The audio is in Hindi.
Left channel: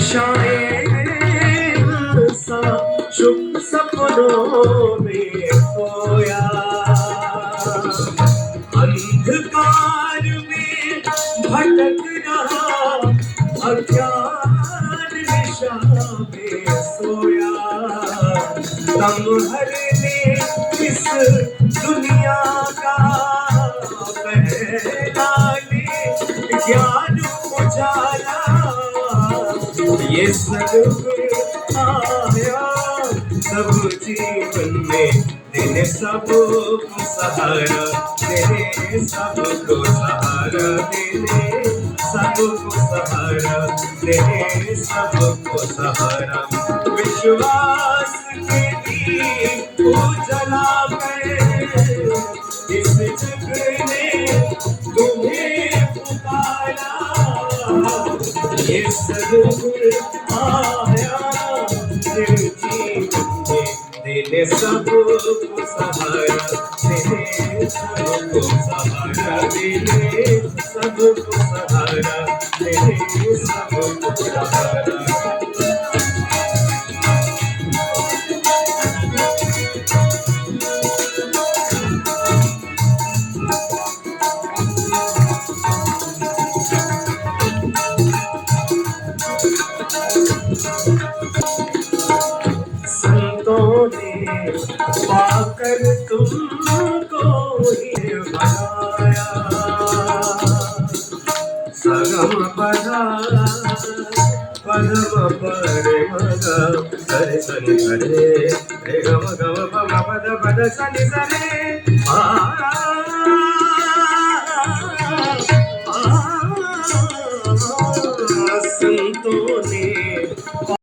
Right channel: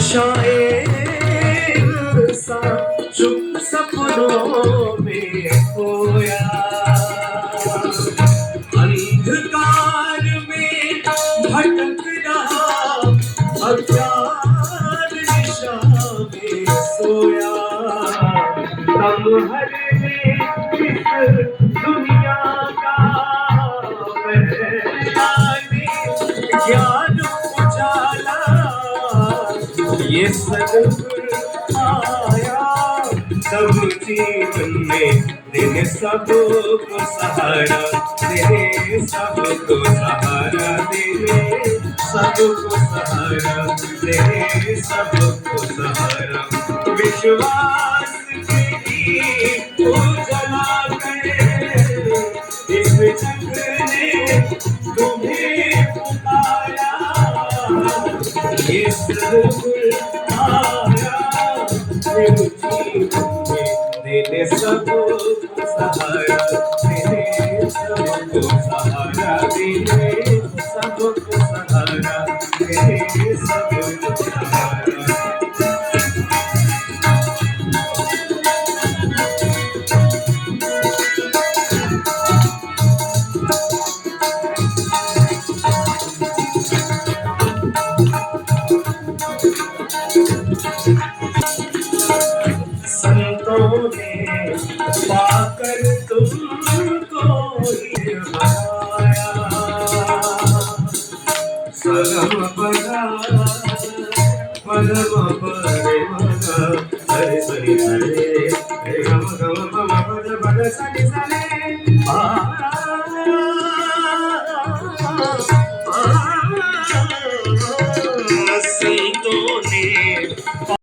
शायर सा शुभ सपनों में खोया, अंधकार में भटक रहा अज्ञान निशा में सोया। लम्हर में इस दुनिया का पहचाने ज्ञान उजाला, ये सद्गुण आया सब जीवन में देने सबको सहारा, देने सबको सहारा, देने सबको सहारा, देने सबको सहारा। विश्वास के दीप जला कर इस जग ने तुम्हें पुकारा, ये सद्गुण आया दिल जीवन में देने सबको सहारा, देने सबको सहारा, देने सबको सहारा, देने सबको सहारा। संतों ने पाकर तुमको ही बनाया, सगम पधारा पदम परे मग सरे सनि सरे रे गम गम पम पद पद सनि सरे संतों ने